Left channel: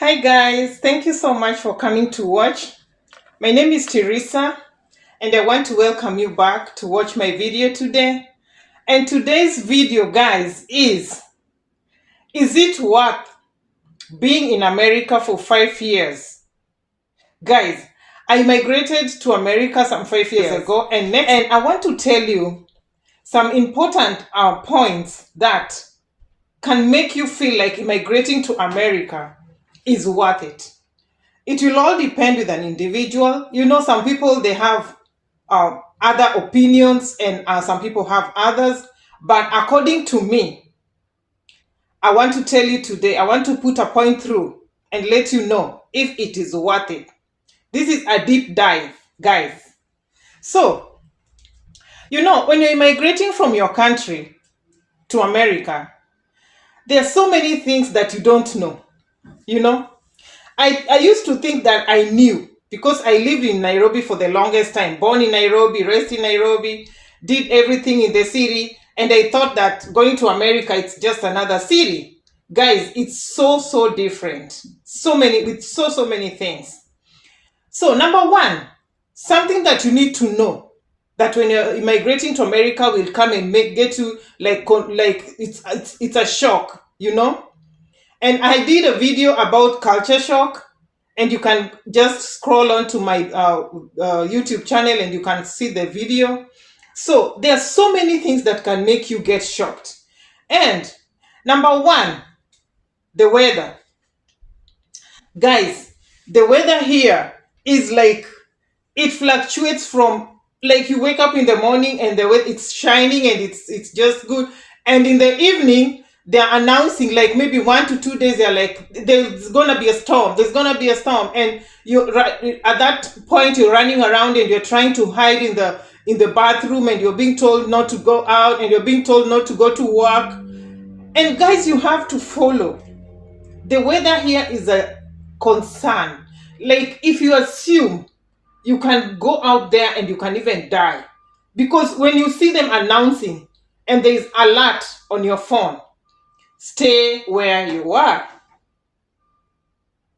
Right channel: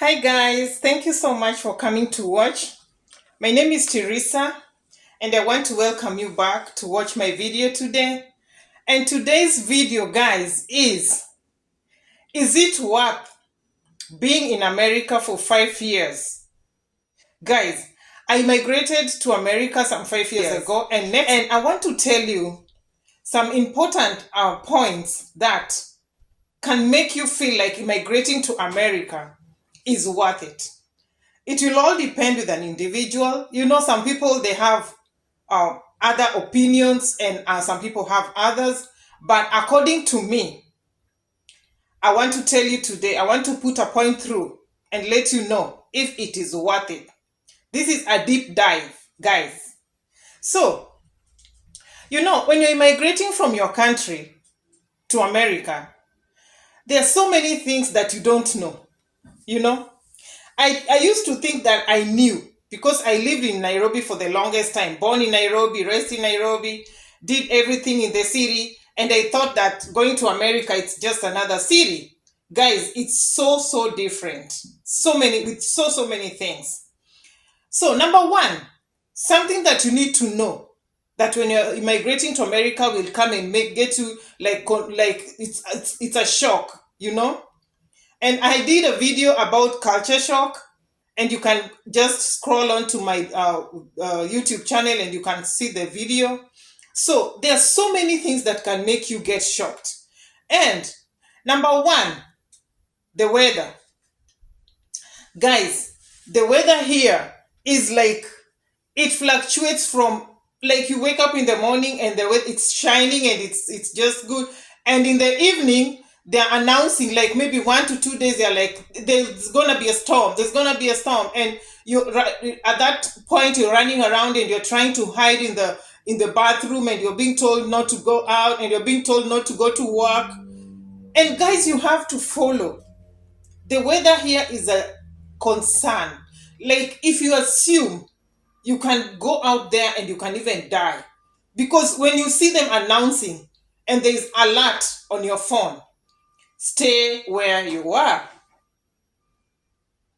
Hi guys, thank you so much for coming to watch. My name is Teresa and I want to welcome you back to watch my video today. And today's video, guys, is it worth being in America for 5 years? Guys, I migrated to America some 5 years ago and I want to tell you some important points that can make you feel like immigrating to America is worth it. It will all depend with an individual. You know, some people, they have other opinions and some people have others. But according to me, I want to tell you today, I want to put a point through and let you know if it is worth it. This is a deep dive, guys. So, you know, when you're migrating from your country to America, there are so many things that you don't know, you know. I used to think that I knew because I lived in Nairobi for the longest time, born in Nairobi, raised in Nairobi, did everything in the city, and I thought that going to America, it's just another city. Guys, it's so different. With so many things. So number one, something that you need to know, that when you're immigrating to America will come and get you like it's a shock, you know. And I did a video about culture shock, and you can just scroll on to my YouTube channel and you can see the video. So there are so many things that can make you get shocked. And number one, the weather. Guys, the weather here is like, it fluctuates from, like, you wake up in the morning and the weather, it's shining and it's just good. And in the evening, they're announcing, like, maybe 1 to 2 days, they're like, there's gonna be a storm, and you, at that point, you're running around and you're trying to hide in the bathroom, and you're being told not to go out, and you're being told not to go to work. And guys, you have to follow. The weather here is a concern. Like, if you assume, you can go out there and you can even die, because when you see them announcing and there is alert on your phone, stay where you are.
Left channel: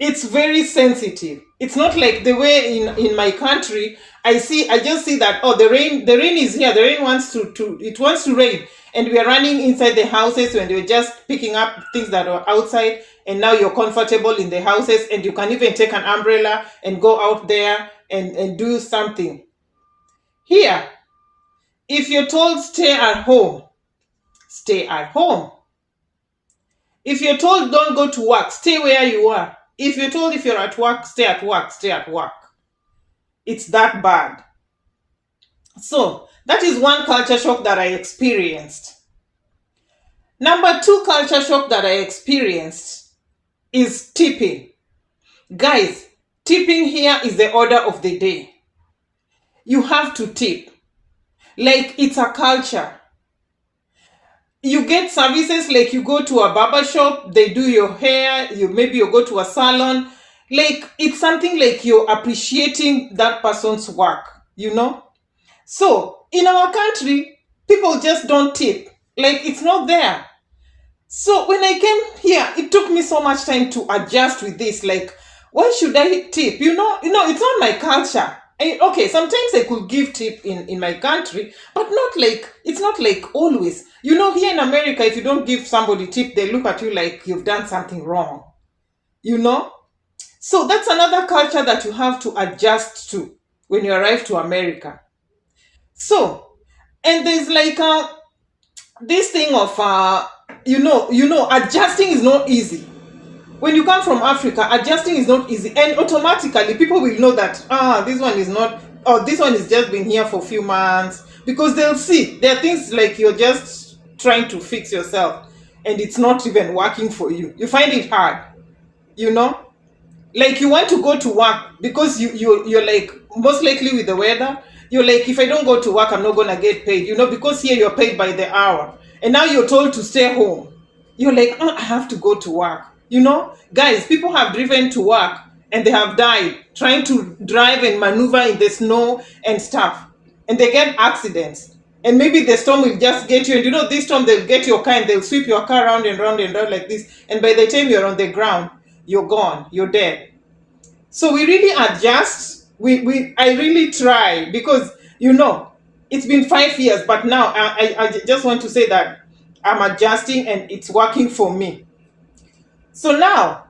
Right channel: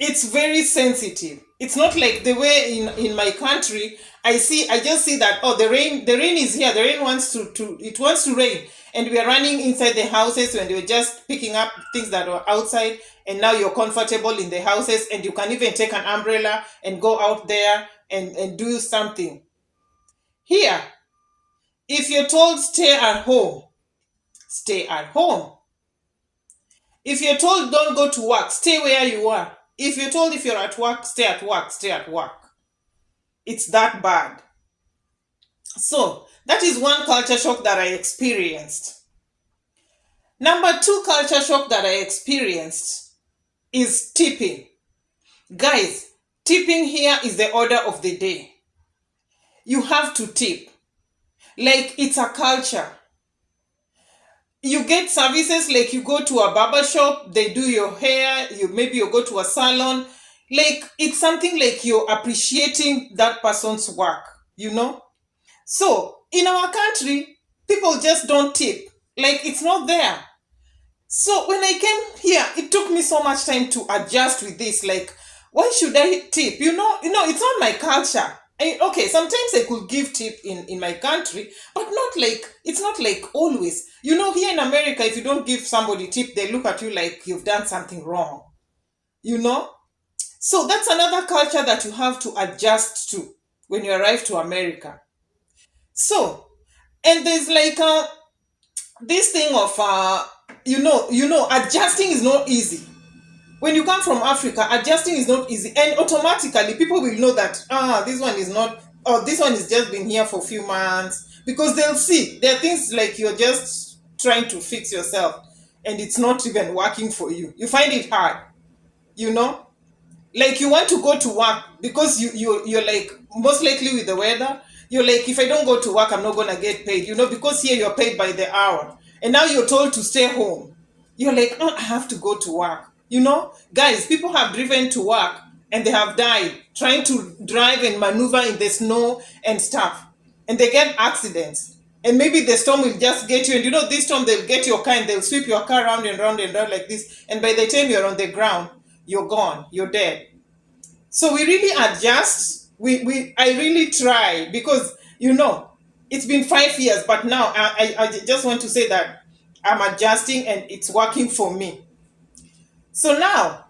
It's very sensitive. It's not like the way in my country, I just see that, oh, the rain is here. The rain wants to rain. And we are running inside the houses when you're just picking up things that are outside, and now you're comfortable in the houses and you can even take an umbrella and go out there and do something. Here, if you're told stay at home, stay at home. If you're told don't go to work, stay where you are. If you're told if you're at work, stay at work, stay at work. It's that bad. So that is one culture shock that I experienced. Number two culture shock that I experienced is tipping. Guys, tipping here is the order of the day. You have to tip. Like, it's a culture. You get services, like you go to a barber shop, they do your hair, maybe you go to a salon. Like, it's something like you're appreciating that person's work, you know? So, in our country, people just don't tip. Like, it's not there. So, when I came here, it took me so much time to adjust with this. Like, why should I tip? You know, it's not my culture. Okay, sometimes I could give tip in my country, but it's not like always. You know, here in America, if you don't give somebody tip, they look at you like you've done something wrong. You know? So that's another culture that you have to adjust to when you arrive to America. So, and there's like this thing of, adjusting is not easy. When you come from Africa, adjusting is not easy, and automatically people will know that this one is not, or this one is just been here for a few months, because they'll see there are things like you're just trying to fix yourself and it's not even working for you. You find it hard, you know, like you want to go to work because you're like, most likely with the weather, you're like, if I don't go to work, I'm not gonna get paid, you know, because here you're paid by the hour, and now you're told to stay home. You're like, I have to go to work. You know, guys, people have driven to work and they have died trying to drive and maneuver in the snow and stuff. And they get accidents. And maybe the storm will just get you. And you know, this storm, they'll get your car and they'll sweep your car round and round and round like this. And by the time you're on the ground, you're gone, you're dead. So we really adjust. I really try because it's been 5 years, but now I just want to say that I'm adjusting and it's working for me. So now,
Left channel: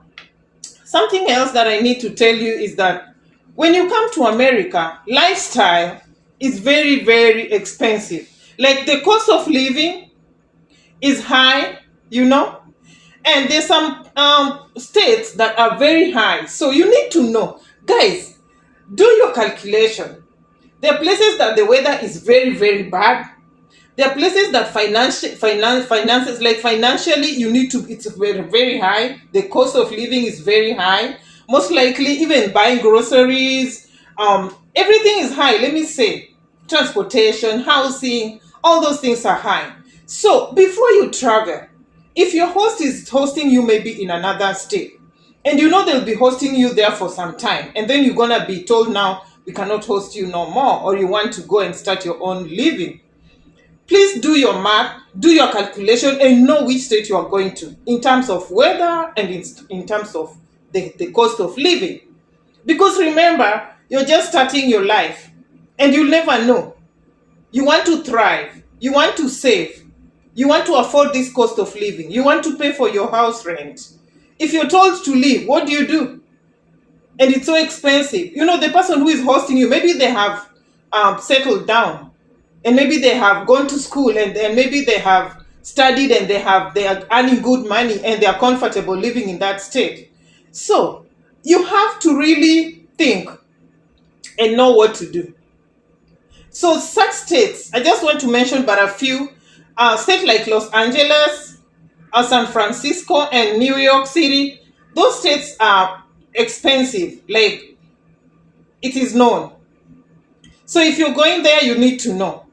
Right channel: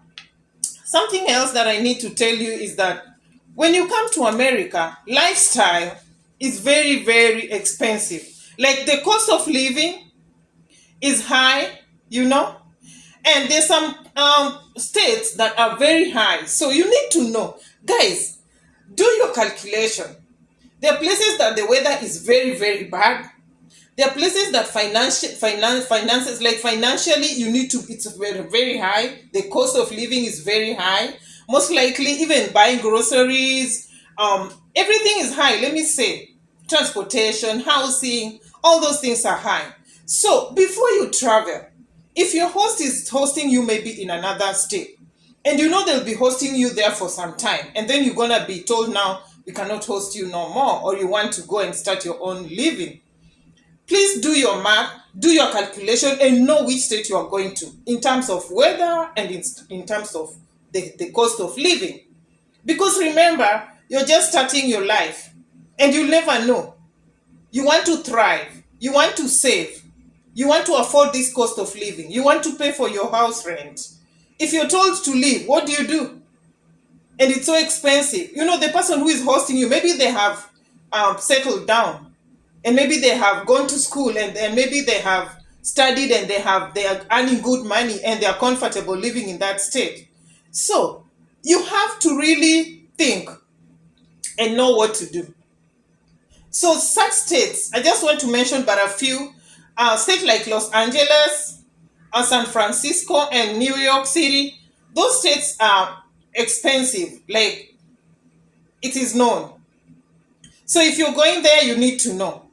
something else that I need to tell you is that when you come to America, lifestyle is very, very expensive. Like the cost of living is high, and there's some states that are very high. So you need to know, guys, do your calculation. There are places that the weather is very, very bad. There are places that finances, like financially, it's very, very high. The cost of living is very high. Most likely, even buying groceries, everything is high. Let me say, transportation, housing, all those things are high. So before you travel, if your host is hosting you maybe in another state, and they'll be hosting you there for some time, and then you're gonna be told now we cannot host you no more, or you want to go and start your own living, please do your math, do your calculation, and know which state you are going to in terms of weather and in terms of the cost of living. Because remember, you're just starting your life and you never know. You want to thrive, you want to save, you want to afford this cost of living, you want to pay for your house rent. If you're told to leave, what do? And it's so expensive. The person who is hosting you, maybe they have settled down, and maybe they have gone to school, and maybe they have studied, and they are earning good money, and they are comfortable living in that state. So you have to really think and know what to do. So such states, I just want to mention but a few, states like Los Angeles, San Francisco, and New York City. Those states are expensive, like it is known. So if you're going there, you need to know.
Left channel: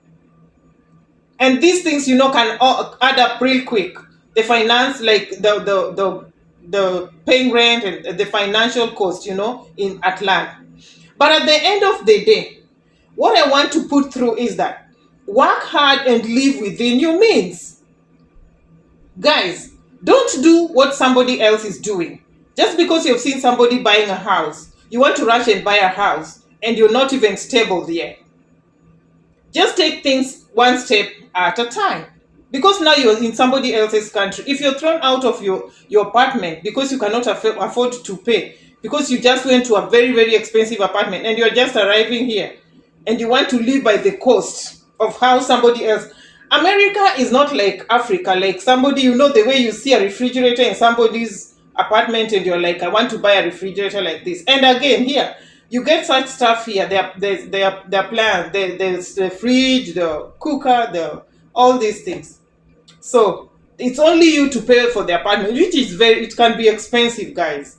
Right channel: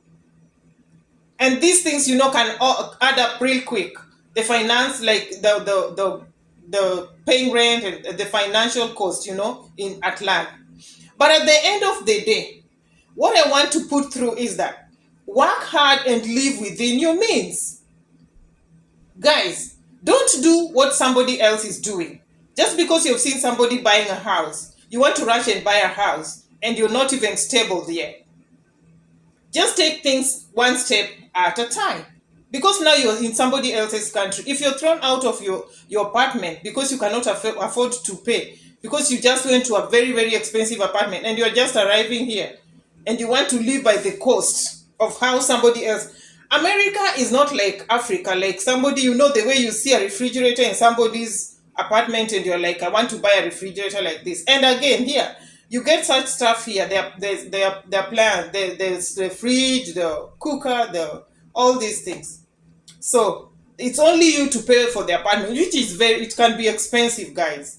And these things, can add up real quick. The finance, like the paying rent and the financial cost, in Atlanta. But at the end of the day, what I want to put through is that work hard and live within your means. Guys, don't do what somebody else is doing. Just because you've seen somebody buying a house, you want to rush and buy a house, and you're not even stable there. Just take things one step at a time. Because now you're in somebody else's country. If you're thrown out of your apartment because you cannot afford to pay, because you just went to a very, very expensive apartment and you're just arriving here, and you want to live by the cost of how somebody else. America is not like Africa, like somebody, the way you see a refrigerator in somebody's apartment and you're like, I want to buy a refrigerator like this. And again, here, you get such stuff here. There's plans, there's the fridge, the cooker, all these things. So it's only you to pay for the apartment, which is it can be expensive, guys.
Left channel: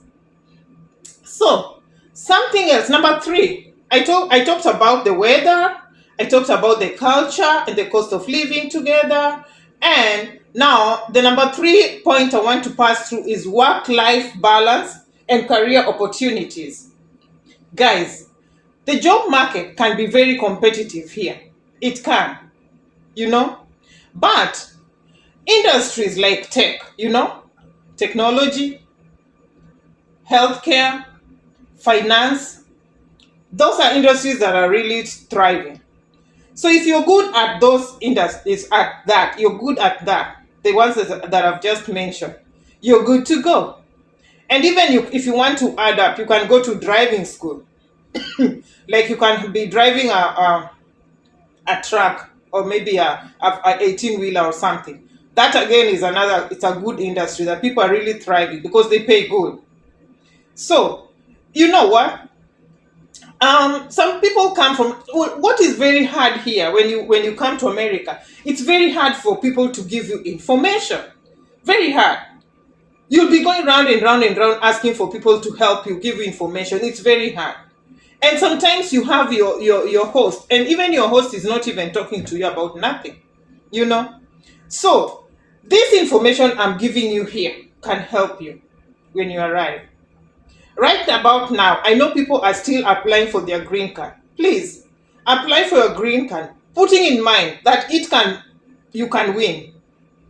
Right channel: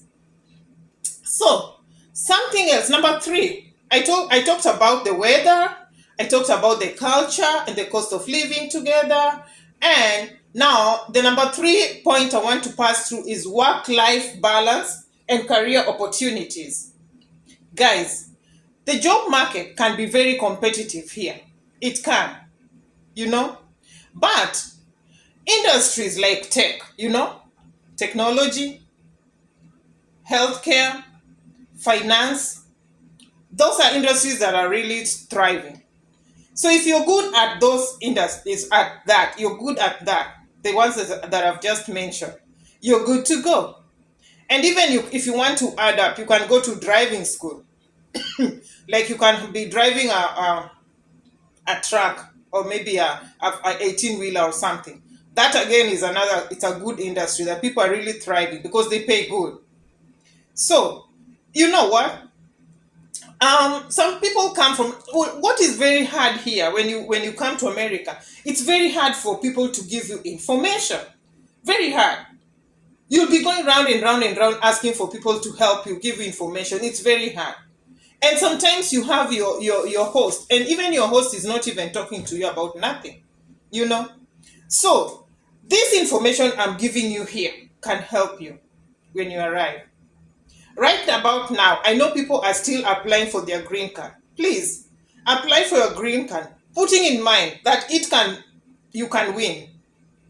So something else, number 3, I talked about the weather, I talked about the culture and the cost of living together. And now the number 3 point I want to pass through is work-life balance and career opportunities. Guys, the job market can be very competitive here. It can, but industries like tech, technology, healthcare, finance, those are industries that are really thriving. So if you're good at those industries, you're good at that, the ones that I've just mentioned, you're good to go. And even if you want to add up, you can go to driving school. Like you can be driving a truck, or maybe a 18-wheeler or something. That again is it's a good industry that people are really thriving because they pay good. So, you know what? Some people come from, what is very hard here when you come to America, it's very hard for people to give you information. Very hard. You'll be going round and round and round asking for people to help you, give you information. It's very hard. And sometimes you have your host, and even your host is not even talking to you about nothing, So, this information I'm giving you here can help you when you arrive. Right about now, I know people are still applying for their green card. Please, apply for your green card, putting in mind that you can win.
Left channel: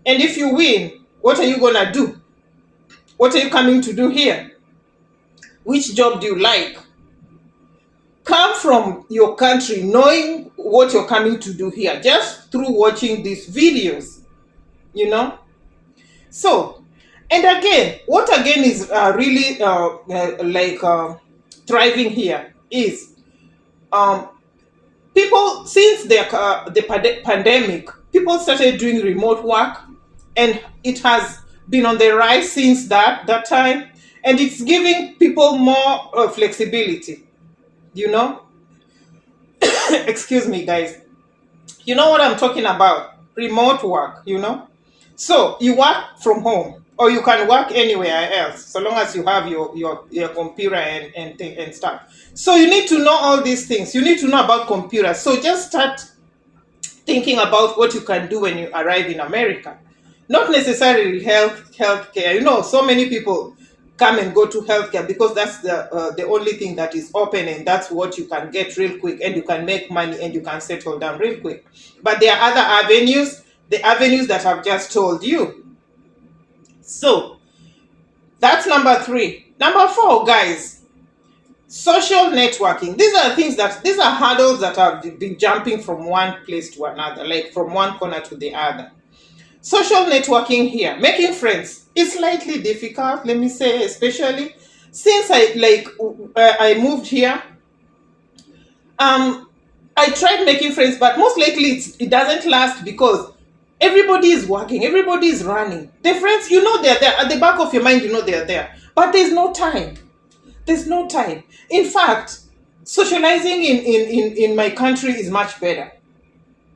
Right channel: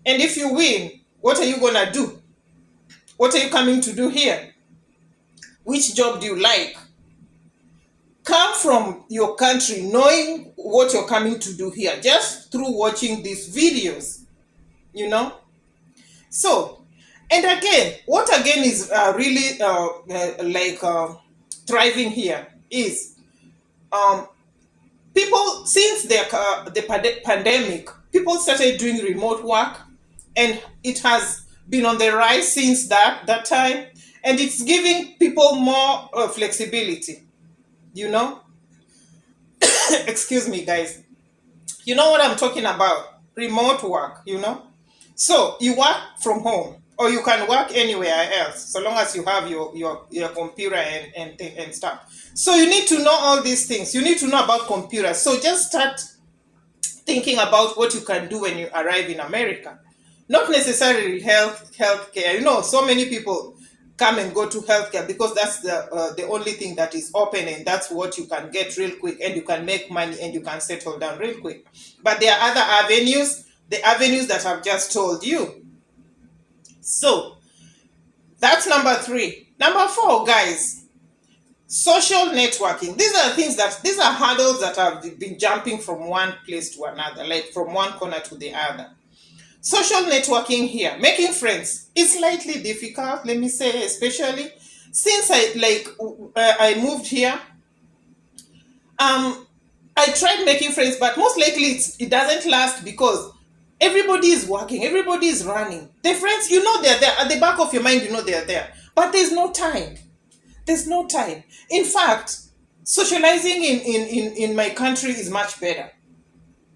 And if you win, what are you going to do? What are you coming to do here? Which job do you like? Come from your country knowing what you're coming to do here just through watching these videos, you know. So, and again, what again is really thriving here is um, people, since the pandemic, people started doing remote work, and it has been on the rise since that time, and it's giving people more flexibility, you know. Excuse me, guys. You know what I'm talking about? Remote work, you know. So you work from home, or you can work anywhere else, so long as you have your computer and stuff. So you need to know all these things. You need to know about computers. So just start thinking about what you can do when you arrive in America. Not necessarily healthcare. You know, so many people come and go to healthcare because that's the only thing that is open, and that's what you can get real quick, and you can make money and you can settle down real quick. But there are other avenues, the avenues that I've just told you. So that's number 3. Number 4, guys, social networking. These are hurdles that have been jumping from one place to another, like from one corner to the other. Social networking here, making friends, is slightly difficult, let me say, especially since I moved here. I tried making friends, but most likely it doesn't last because everybody is working, everybody is running. The friends, you know, they're there at the back of your mind, you know they're there, but there's no time. There's no time. In fact, socializing in my country is much better,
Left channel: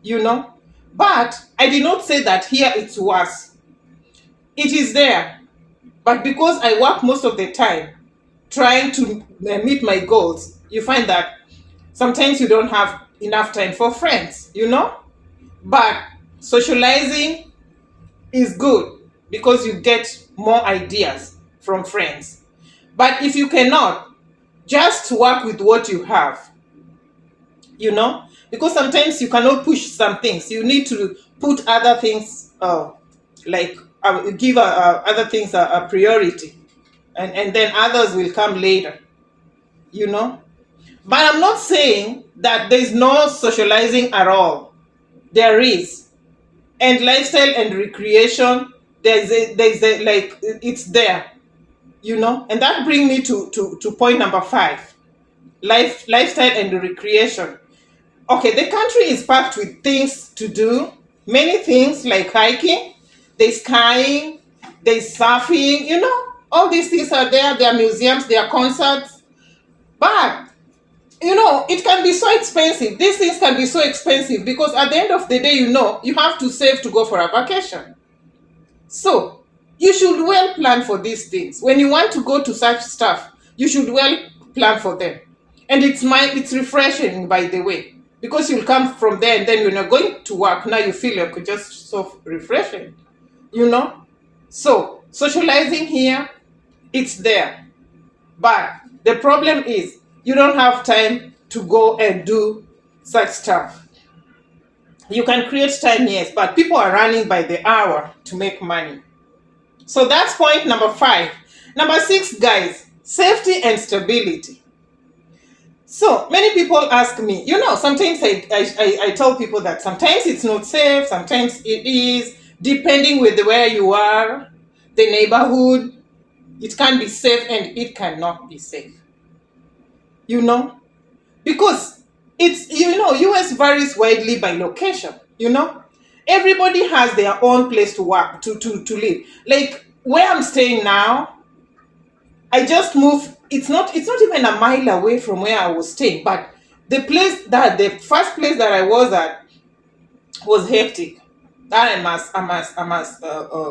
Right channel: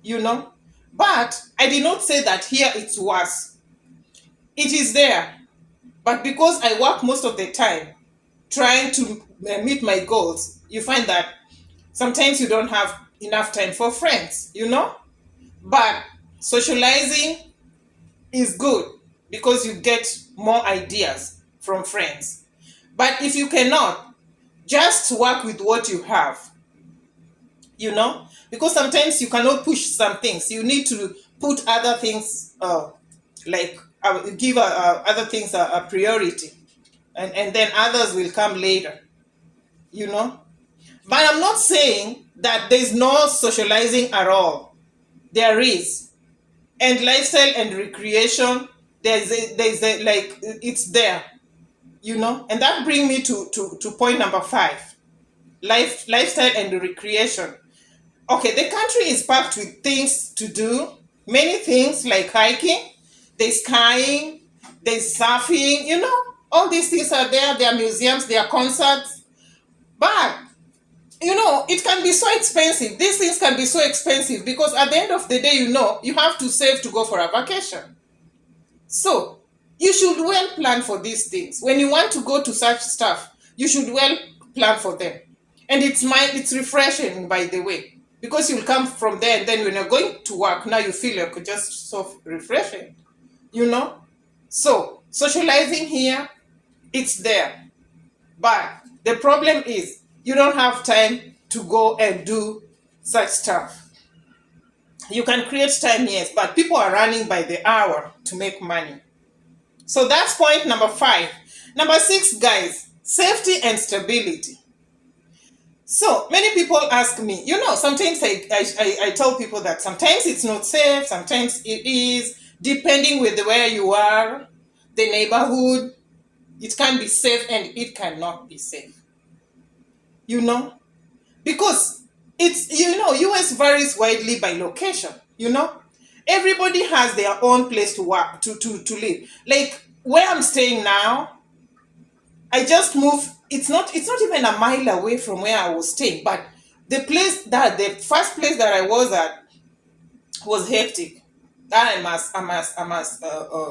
you know. But I did not say that here it's worse. It is there. But because I work most of the time trying to meet my goals, you find that sometimes you don't have enough time for friends, you know. But socializing is good because you get more ideas from friends. But if you cannot, just work with what you have, you know, because sometimes you cannot push some things. You need to put other things, give other things a priority, and then others will come later, you know. But I'm not saying that there's no socializing at all. There is. And lifestyle and recreation, it's there, you know. And that brings me to point number 5, lifestyle and recreation. Okay, the country is packed with things to do, many things like hiking, there's skiing, there's surfing, you know, all these things are there. There are museums, there are concerts. But, you know, it can be so expensive. These things can be so expensive because at the end of the day, you know, you have to save to go for a vacation. So, you should well plan for these things. When you want to go to such stuff, you should well plan for them. And it's refreshing, by the way. Because you'll come from there, and then when you're going to work, now you feel like just so refreshing, you know. So socializing here, it's there, but the problem is you don't have time to go and do such stuff. You can create time, yes, but people are running by the hour to make money. So that's point number 5. Number 6, guys, safety and stability. So many people ask me, you know, sometimes I tell people that sometimes it's not safe, sometimes it is, depending with where you are, the neighborhood. It can be safe and it cannot be safe, you know, because it's, you know, US varies widely by location, you know. Everybody has their own place to work, to live. Like where I'm staying now, I just moved. It's not even a mile away from where I was staying, but the first place that I was at was hectic. That I must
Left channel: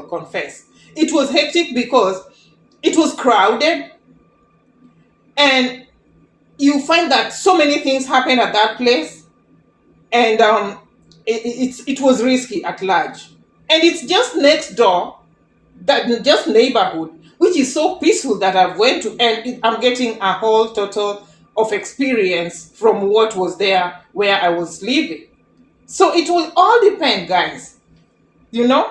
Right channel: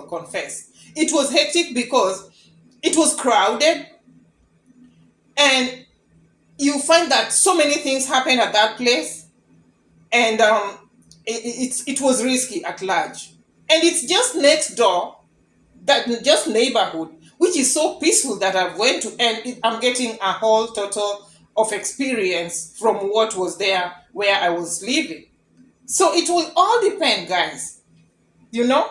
confess. It was hectic because it was crowded, and you find that so many things happen at that place, and it was risky at large. And it's just next door, that just neighborhood, which is so peaceful that I've went to, and I'm getting a whole total of experience from what was there where I was living. So it will all depend, guys. You know,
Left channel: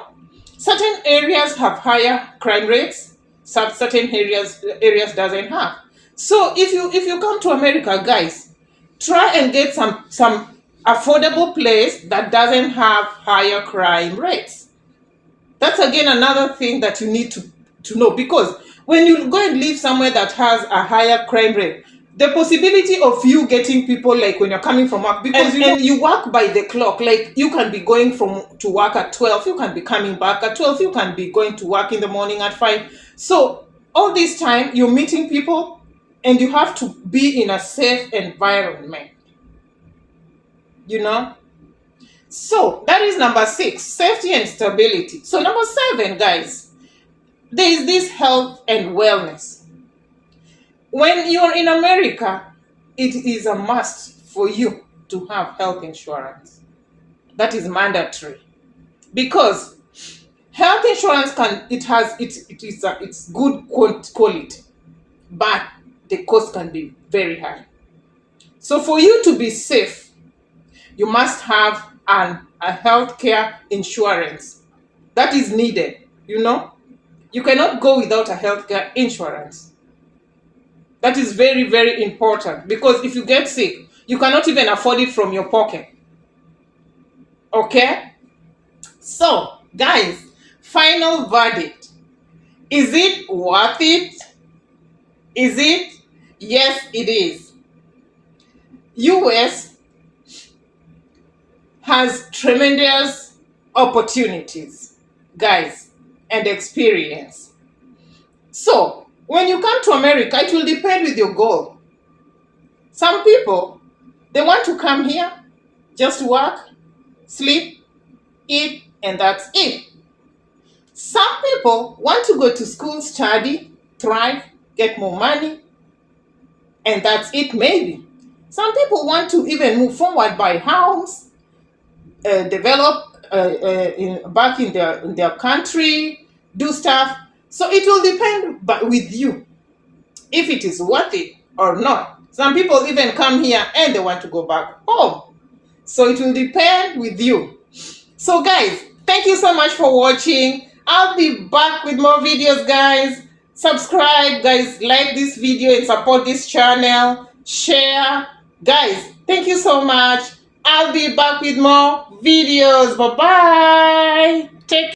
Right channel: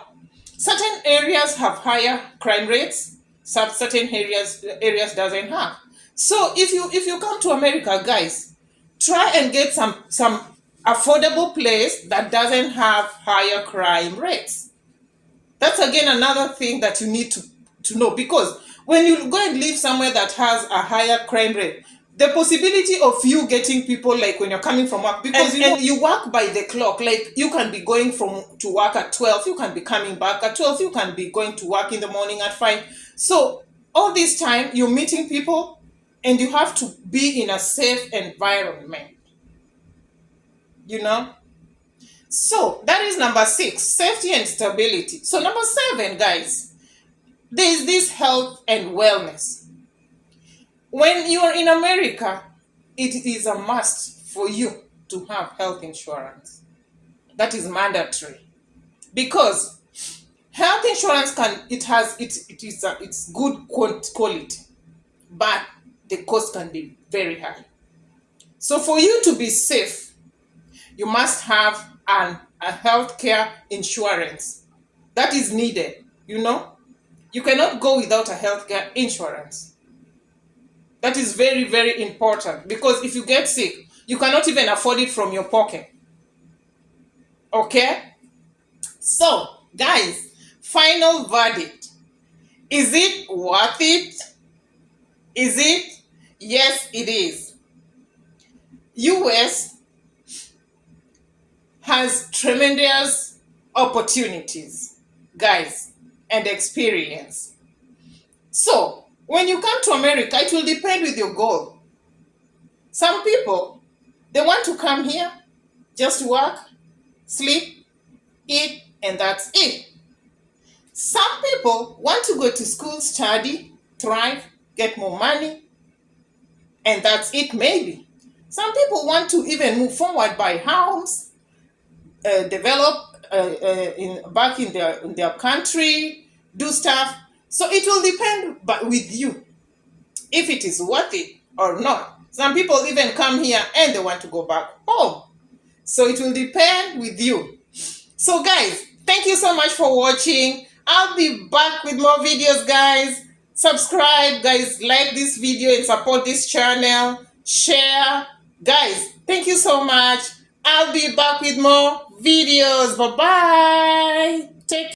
certain areas have higher crime rates, certain areas doesn't have. So if you come to America, guys, try and get some affordable place that doesn't have higher crime rates. That's again another thing that you need to know, because when you go and live somewhere that has a higher crime rate, the possibility of you getting people, like when you're coming from work, because and you work by the clock, like you can be going to work at 12, you can be coming back at 12, you can be going to work in the morning at 5. So all this time you're meeting people and you have to be in a safe environment, you know. So that is number 6, safety and stability. So number 7, guys, there is this health and wellness. When you're in America, it is a must for you to have health insurance. That is mandatory, because health insurance it's good quality, but the cost can be very high. So for you to be safe, you must have a healthcare insurance. That is needed, you know. You cannot go without a healthcare insurance. That is very, very important, because if you get sick, you cannot even afford it from your pocket. Okay? So, guys, final verdict. Is it worth it? Is it? Yes, it is. US has tremendous opportunities, guys, and experience. So, when you come to America, it will depend with your goal. Some people, they want to come here, just work, sleep, eat, and that's it. Some people want to go to school, study, thrive, get more money, and that's it maybe. Some people want to even move forward, buy house, develop back in their country, do stuff. So it will depend with you if it is worth it or not. Some people even come here and they want to go back home. So it will depend with you. So guys, thank you so much for watching. I'll be back with more videos, guys. Subscribe, guys. Like this video and support this channel. Share. Guys, thank you so much. I'll be back with more videos. Bye-bye. Take care.